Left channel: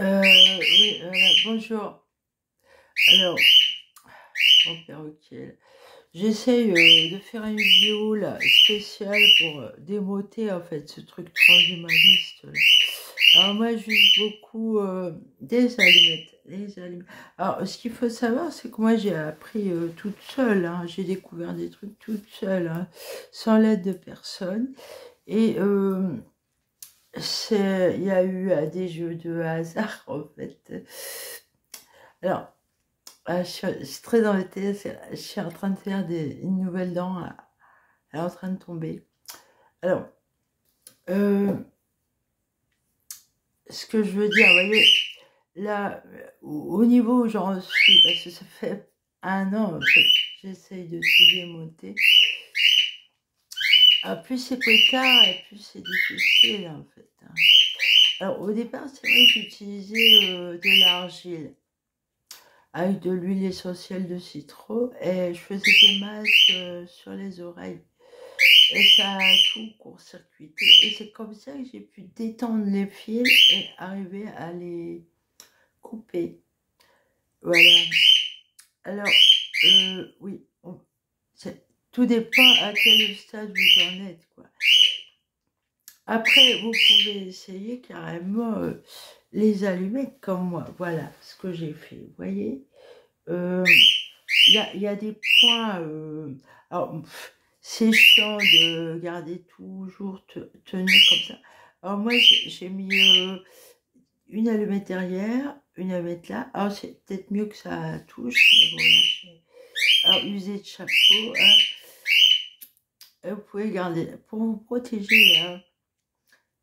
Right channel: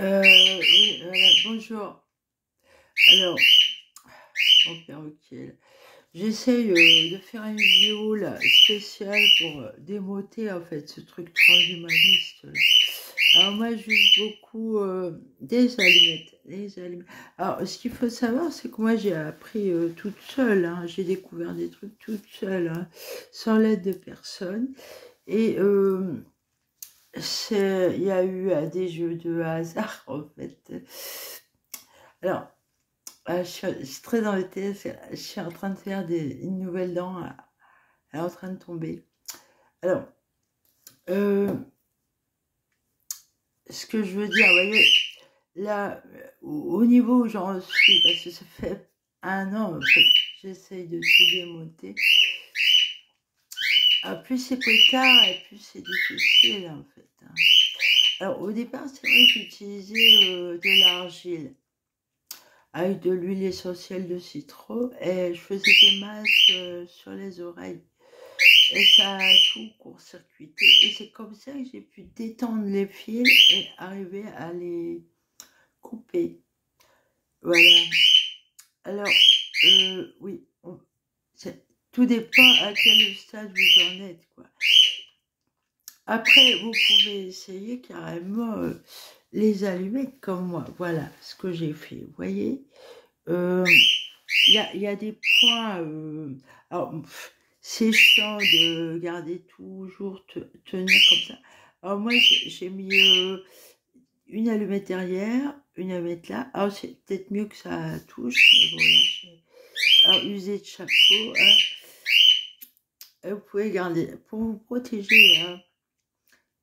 Oui, voilà, bonjour. Alors, mon perroquet, j'essaye de faire une vidéo là, spéciale pour démoter en fait ce truc transhumaniste là. Alors moi, j'use beaucoup des allumettes, les allumettes. Alors, ce qu'il faut savoir, c'est que moi, j'ai appris toute seule, hein. J'ai découvert des trucs toute seule, hein, sans l'aide de personne. Et il y a eu des jeux de hasard en fait. Alors, je suis très embêtée, je suis en train de faire une nouvelle dent, elle est en train de tomber. Alors, ce que je veux dire, vous voyez, là, au niveau où j'en suis, parce que ça fait un an, en fait, j'essaye de tout démonter. Plus c'est tard, et plus c'est difficile, en fait. Hein. Alors, au départ, c'est vrai que j'utilisais de l'argile avec de l'huile essentielle de citron et je faisais des masques sur les oreilles. Et ça a tout court-circuité. Et c'est comme ça que j'ai pu détendre les fils et arriver à les couper. Voilà. Alors, oui, tout dépend à quel stade vous en êtes, quoi. Après, vous pouvez essayer carrément les allumettes comme moi. Voilà ce que j'ai fait, vous voyez. Il y a des points... alors, c'est chiant de garder toujours, tenir comme ça. Alors moi, j'ai mis une allumette derrière, une allumette là. Alors c'est peut-être mieux que ça touche, mais bon là, alors user de chapeau, hein. Vous pouvez garder pour vous protéger, hein,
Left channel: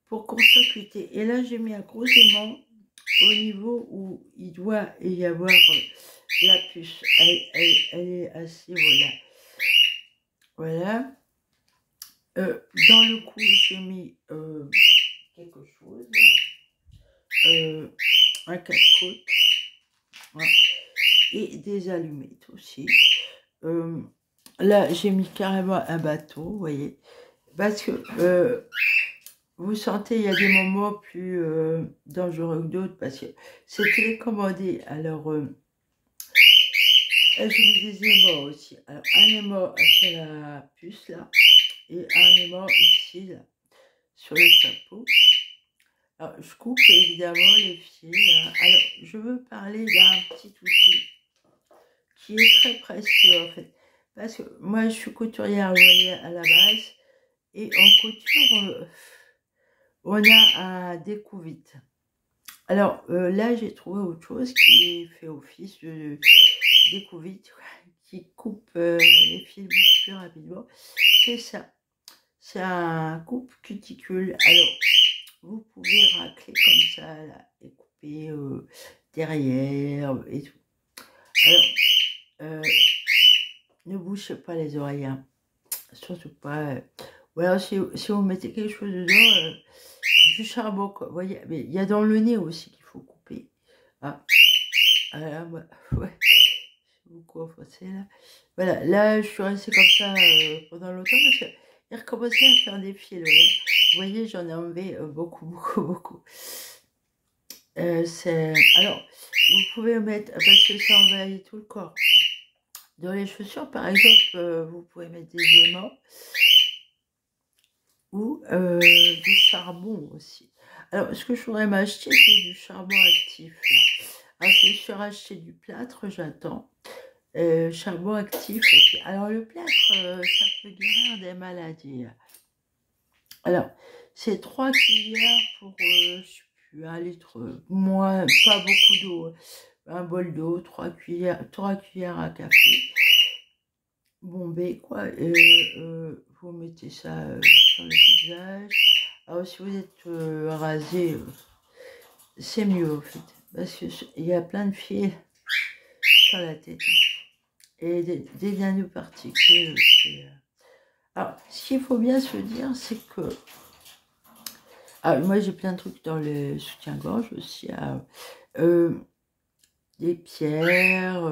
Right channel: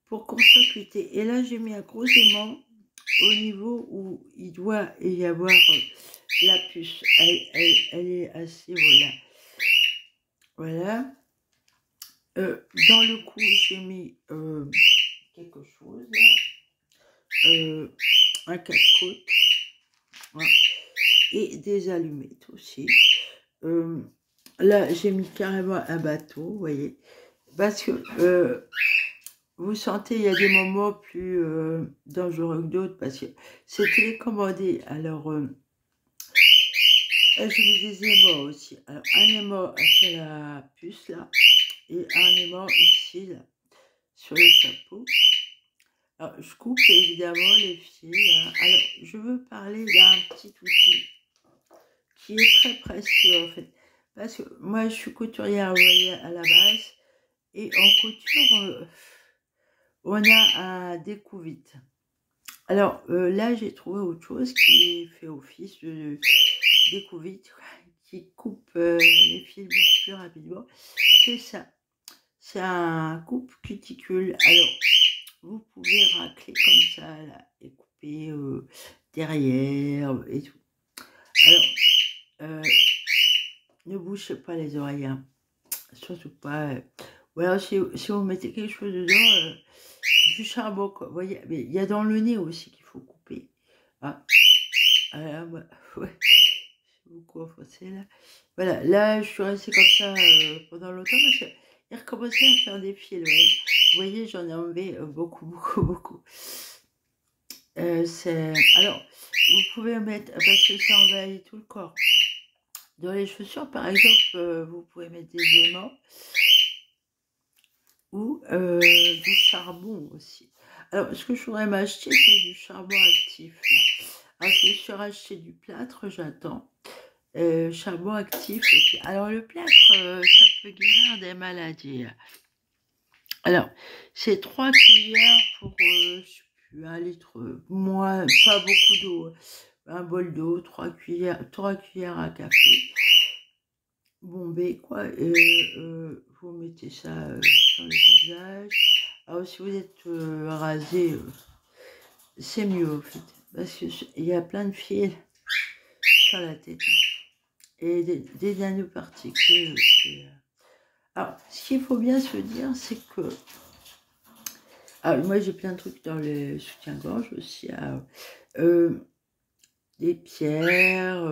pour court-circuiter. Et là, j'ai mis un gros aimant au niveau où il doit y avoir la puce. Elle est assez, voilà. Voilà. Dans le cou, j'ai mis quelque chose, un casse-côte, voilà, et des allumettes aussi. Là, j'ai mis carrément un bateau, vous voyez, parce que vous sentez, il y a des moments plus dangereux que d'autres, parce que c'est télécommandé. Alors, j'ai mis des aimants aussi. Alors, un aimant sur la puce, là, et un aimant ici, là, sur le chapeau. Alors, je coupe évidemment les fils. Hein. Alors, je veux parler d'un petit outil qui est très précieux en fait. Parce que moi, je suis couturière, vous voyez, à la base. Et en couture, on a un découvite. Alors, là, j'ai trouvé autre chose qui fait office de découvite, qui coupe les fils beaucoup plus rapidement. C'est ça. C'est un coupe cuticule. Alors, vous pouvez racler comme ça, là, et couper derrière et tout. Alors, ne bouchez pas les oreilles, hein. Surtout pas. Ou alors, si vous mettez quelque chose dedans, du charbon, quoi. Vous voyez, mais il y a dans le nez aussi qu'il faut couper. Ah, voilà, ouais. C'est beaucoup enfoncé, là. Voilà, là, je suis restée comme ça pendant longtemps parce qu'il recommençait à faire des fils, ouais. Vous voyez, j'en ai enlevé beaucoup, beaucoup, beaucoup. Alors, vous pouvez mettre, parce que ça envahit tout le corps. Dans les chaussures, par exemple, vous pouvez mettre des aimants ou du charbon aussi. Alors, ce que je voudrais m'acheter, c'est du charbon actif. Là. Alors, je suis racheté du plâtre, j'attends. Charbon actif aussi. Alors, le plâtre, ça peut guérir des maladies. Alors, c'est 3 cuillères pour, je sais plus, 1 litre, moins, pas beaucoup d'eau. Un bol d'eau, 3 cuillères à café. Bombé, quoi. Vous mettez ça sur le visage. Alors, si vous êtes rasé, c'est mieux, en fait. Parce qu'il y a plein de fils sur la tête. Hein, et des nanoparticules aussi. Alors, ce qu'il faut bien se dire, c'est que... Ah, moi, j'ai plein de trucs dans le soutien-gorge aussi. Des pierres,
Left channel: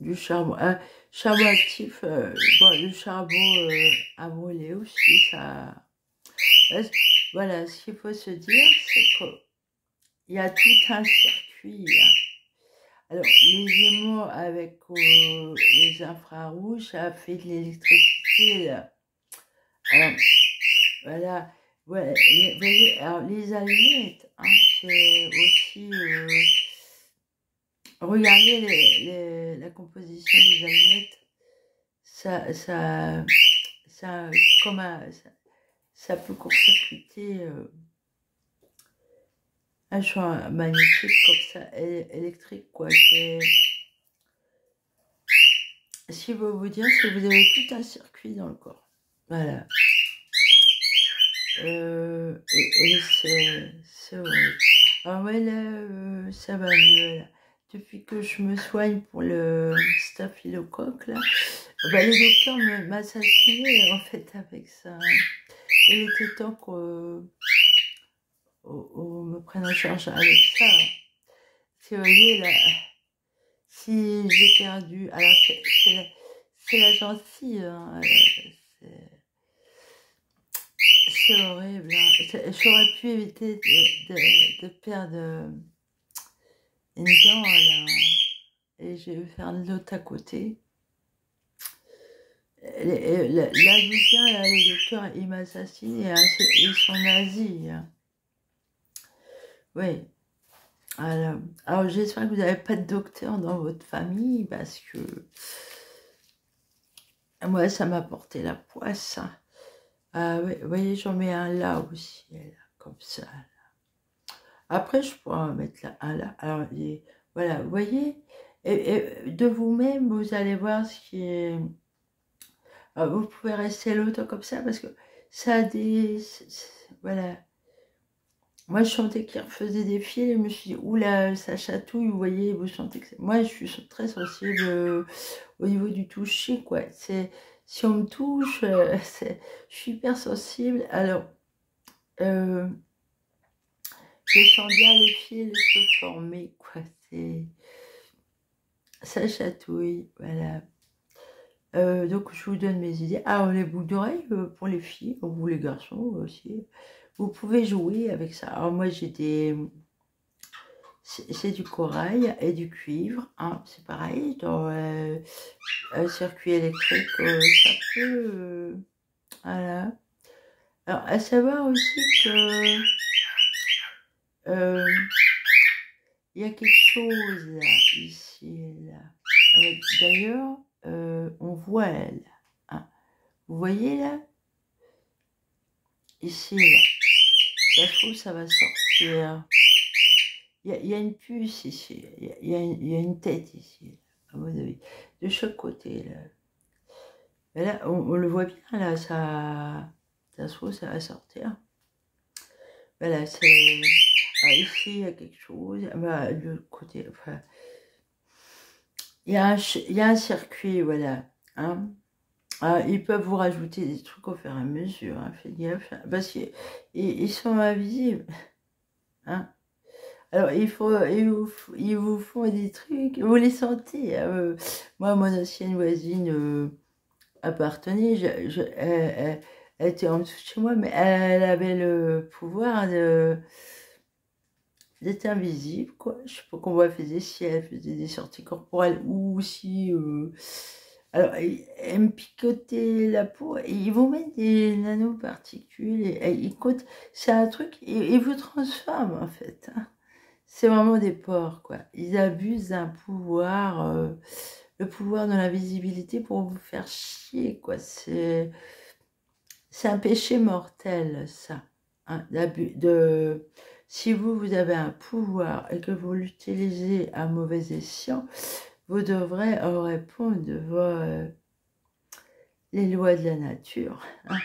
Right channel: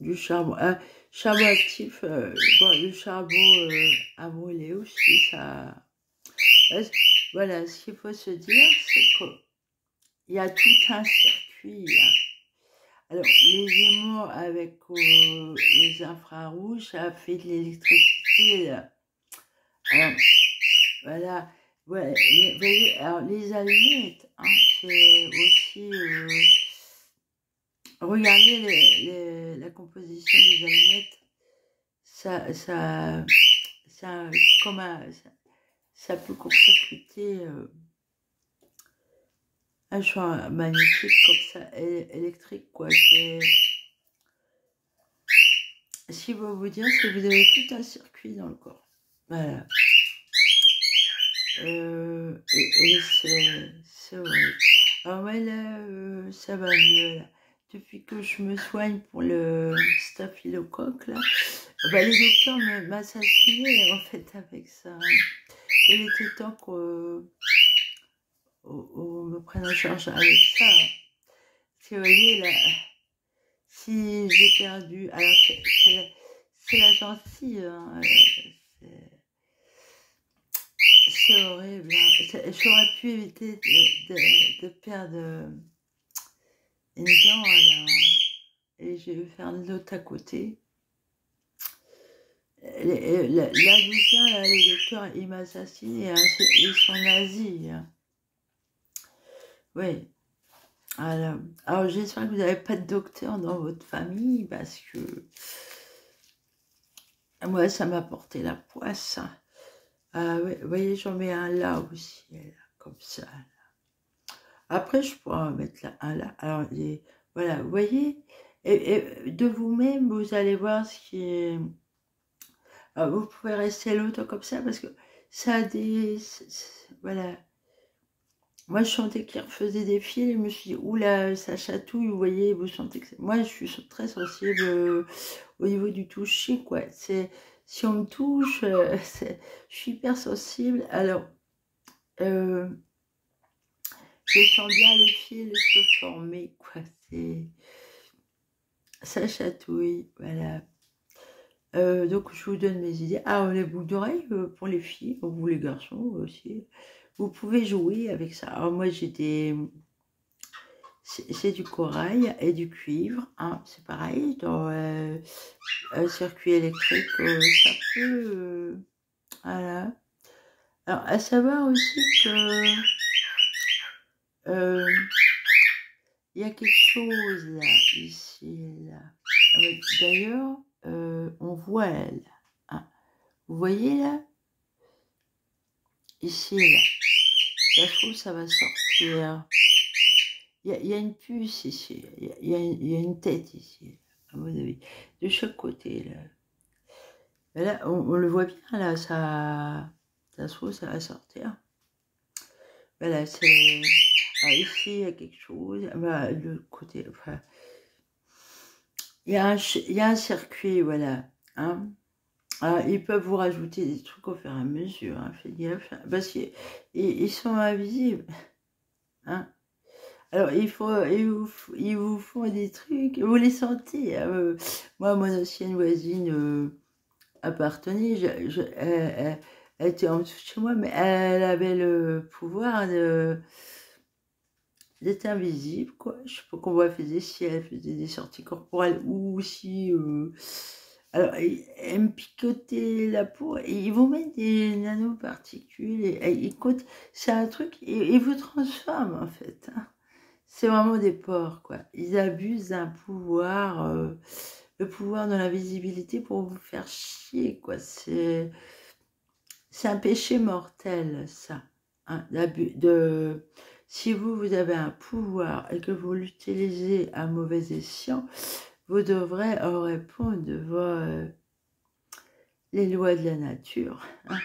du charbon. Charbon actif, bon, le charbon à brûler aussi, ça... Voilà, ce qu'il faut se dire, c'est que il y a tout un circuit. Hein. Alors, les Gémeaux avec les infrarouges, ça fait de l'électricité, là. Alors, voilà. Ouais, vous voyez, alors les allumettes, hein, c'est aussi... regardez la composition des allumettes. Ça, comme ça peut court-circuiter un champ magnétique comme ça, électrique, quoi. Si vous vous dire, c'est que vous avez tout un circuit dans le corps. Voilà. Et c'est horrible. Alors ouais, là, ça va mieux, là. Depuis que je me soigne pour le staphylocoque, là, bah, les docteurs m'assassinaient, en fait, avec ça. Il était temps qu'on me prenne en charge avec ça. Si vous voyez, là, si j'ai perdu... Alors, c'est la gentille, hein, c'est horrible. Hein. J'aurais pu éviter de perdre une dent, là. Et je vais faire l'autre à côté. Là d'où vient, là, les docteurs, ils m'assassinent, hein, ils sont nazis. Hein. Oui. Alors j'espère que vous n'avez pas de docteur dans votre famille, parce que moi, ça m'a porté la poisse. Hein. Oui, vous voyez, j'en mets un là aussi, là, comme ça. Là. Après, je pourrais en mettre là, un là. Alors, voilà, vous voyez, et de vous-même, vous allez voir ce qui est... Alors, vous pouvez rester longtemps comme ça, parce que ça a des... Voilà. Moi, je sentais qu'il refaisait des fils, et je me suis dit, oula, ça chatouille, vous voyez, vous sentez que... Moi, je suis très sensible au niveau du toucher, quoi. Si on me touche, je suis hyper sensible. Alors, je sens bien les fils se former, quoi. Ça chatouille, voilà. Donc, je vous donne mes idées. Ah, les boucles d'oreilles pour les filles, ou les garçons aussi. Vous pouvez jouer avec ça. Alors, moi, j'ai des... C'est du corail et du cuivre. Hein. C'est pareil, dans un circuit électrique, ça peut... voilà. Alors, à savoir aussi que... il y a quelque chose là, ici, là. D'ailleurs, on voit là. Hein. Vous voyez là? Ici, là. Ça se trouve, ça va sortir. Il y a une puce ici. Il y a une tête ici, à mon avis. De chaque côté, là. Et là, on le voit bien, là. Ça se trouve, ça va sortir. Voilà, c'est... Ah, ici, il y a quelque chose. Bah, de l'autre côté, enfin... Il y a un circuit, voilà. Hein. Ah, ils peuvent vous rajouter des trucs au fur et à mesure. Hein, faites gaffe. Parce qu'ils sont invisibles. Hein. Alors, ils vous font des trucs. Vous les sentez. Hein, moi, mon ancienne voisine appartenait. Elle était en dessous de chez moi, mais elle avait le pouvoir d'être invisible, quoi. Je sais pas comment elle faisait, si elle faisait des sorties corporelles ou si... alors, elle me picotait la peau, et ils vous mettent des nanoparticules, et c'est un truc, ils vous transforment, en fait. Hein. C'est vraiment des porcs, quoi. Ils abusent d'un pouvoir, le pouvoir de l'invisibilité pour vous faire chier, quoi. C'est un péché mortel, ça. Hein, si vous avez un pouvoir et que vous l'utilisez à mauvais escient, vous devrez répondre devant les lois de la nature. Hein.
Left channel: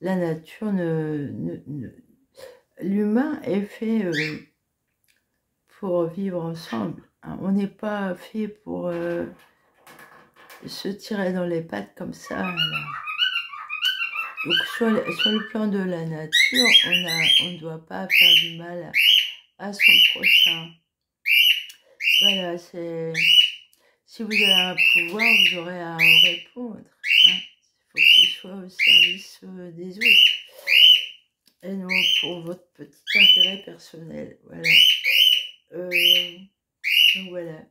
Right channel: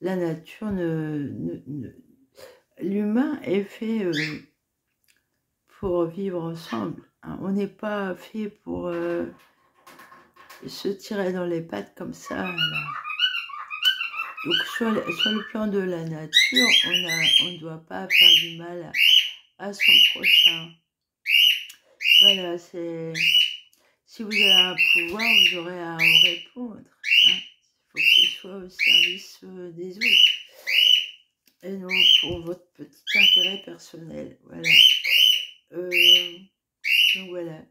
La nature l'humain est fait pour vivre ensemble. Hein. On n'est pas fait pour se tirer dans les pattes comme ça. Là. Donc sur le plan de la nature, on ne doit pas faire du mal à son prochain. Voilà, c'est... Si vous avez un pouvoir, vous aurez à en répondre. Hein. Il faut qu'il soit au service des autres. et non pour votre petit intérêt personnel. Voilà. Donc voilà.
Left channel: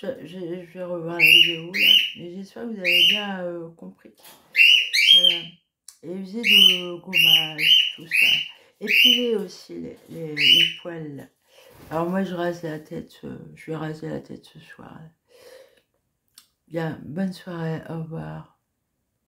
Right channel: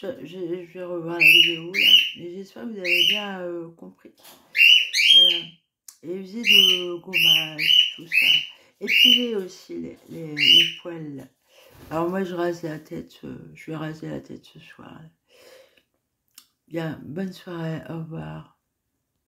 Je vais revoir la vidéo là, mais j'espère que vous avez bien compris. Voilà. Et user de gommage, tout ça. Épilez aussi les poils là. Alors moi je rase la tête, je vais raser la tête ce soir. Bien, bonne soirée, au revoir.